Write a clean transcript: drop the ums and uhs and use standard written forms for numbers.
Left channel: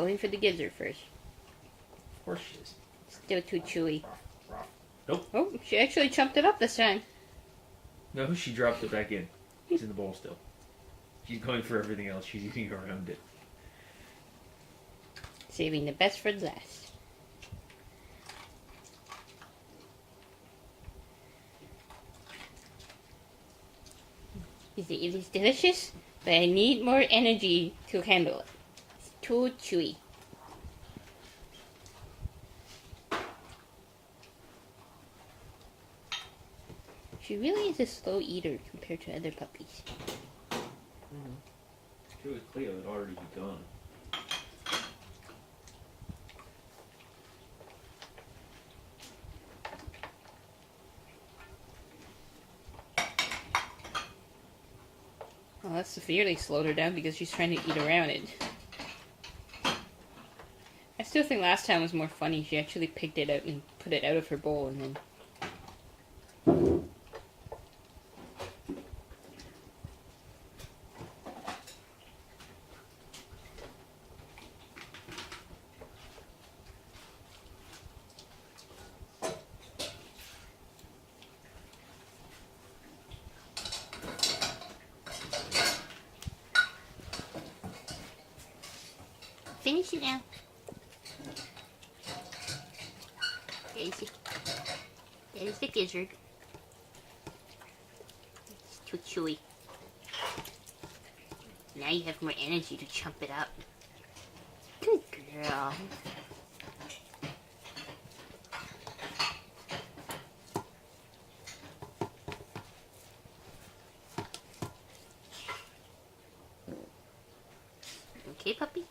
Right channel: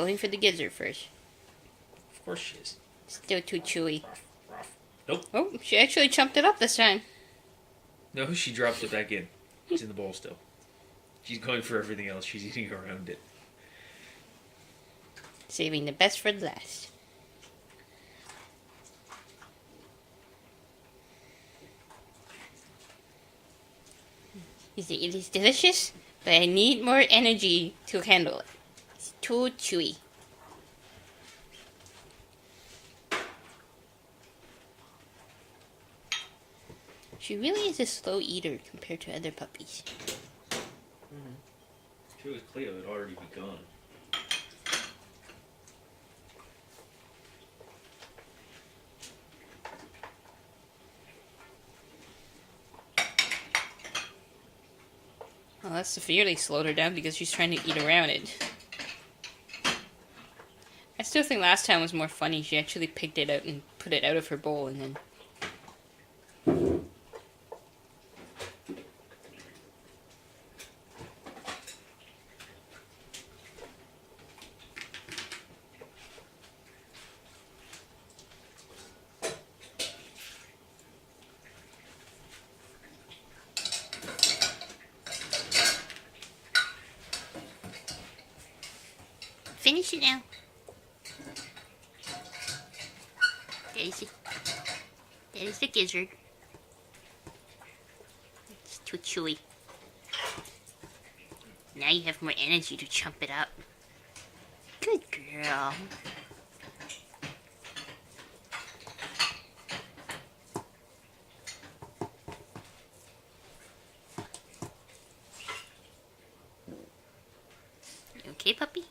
going for the gizzard first. Of course she is. Still too chewy. Nope. Oh, she actually chumped it up this time. No, she dropped it back in. It's in the bowl still. She's going for everything else. She's eating around it. Saving the best for last. It is delicious, but I need more energy to handle it. It's too chewy. She really is a slow eater compared to other puppies. Mm-hmm. If it was Cleo, it'd already be gone. Well, that severely slowed her down because she's trying to eat around it. I still think last time was more funny. She actually picked it out and put it out of her bowl and then... Finish it now. There's the gizzard. It's too chewy. Now you have more energy to chump it up. Good girl. Okay, puppy?